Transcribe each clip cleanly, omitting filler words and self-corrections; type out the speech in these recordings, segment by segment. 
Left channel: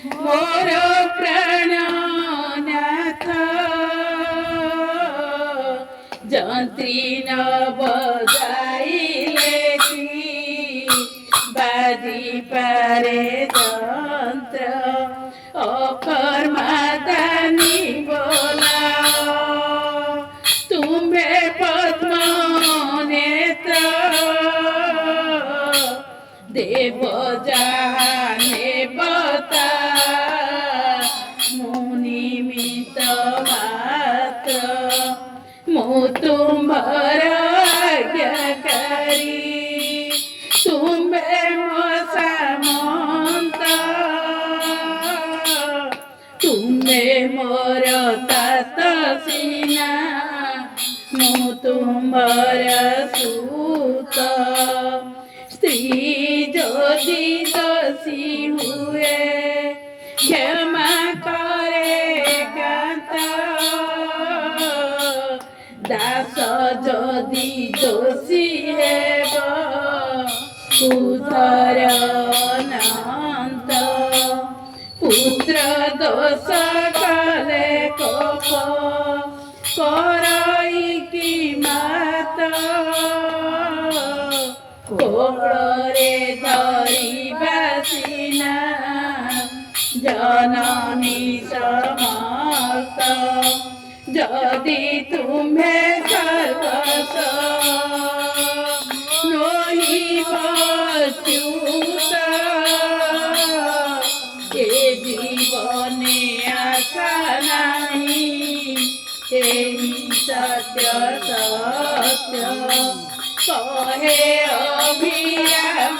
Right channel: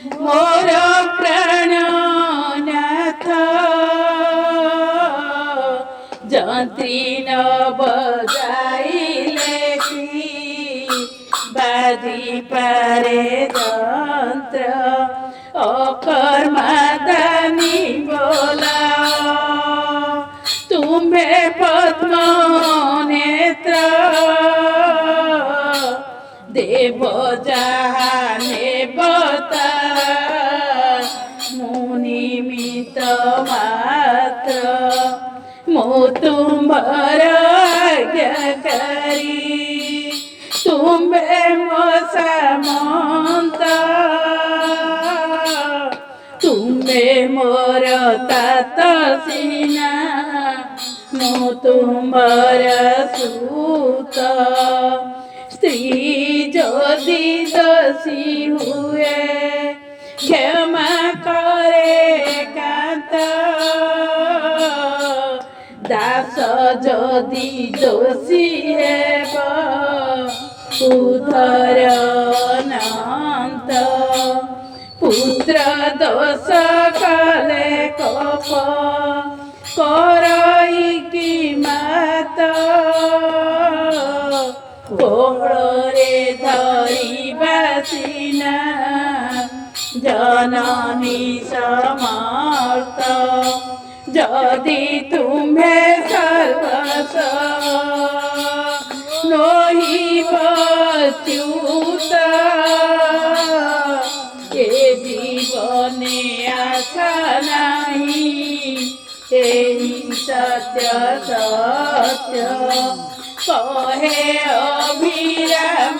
मोर प्राणनाथ जंत्री न बजाइले की बाजी पारे यंत्र अखर मादानी बोला तुम्हें पद्म नेत्र देव जाने बता मुनिमित मात्र मो तुम्हार आज्ञाकारी तुम्हें मो सामंत तुम्हें मोर तात सीना मो तुम्हार सूत स्त्री যদি দোষী हुए क्षमा करे कांत दास যদি দোষী হেব উধর অনন্ত পুত্র দোষ কলে কপ করই কি মাত কোড়রে ধরিবা সিনা জননী সমর্থ যদি তুমি সর্বস নহিব চ্যুত এ জীবনে আশা নাহি এই সত্য সত্য कहे अभिराम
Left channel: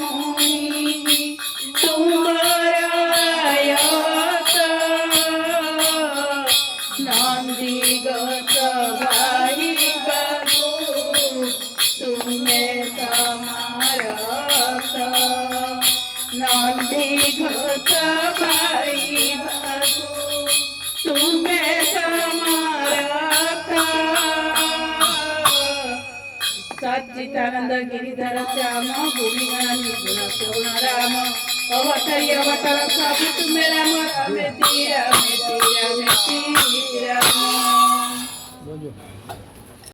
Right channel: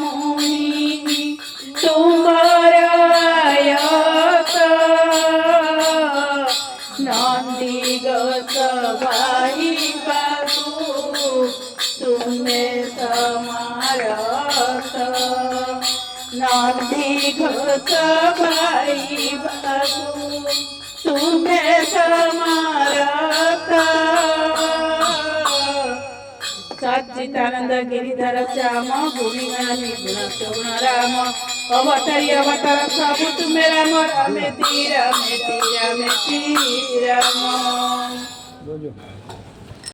मुनि तुम्हार आयत नंदी गत भाई बाबू तुम्हें समारत नंदी गत भाई बाबू तुम्हें समारत सच्चिदानंद गिरिधर श्याम भूमिगानी गुण सगुण राम अवतारी अवतार प्रभु तुम्हें राम रामे ती राम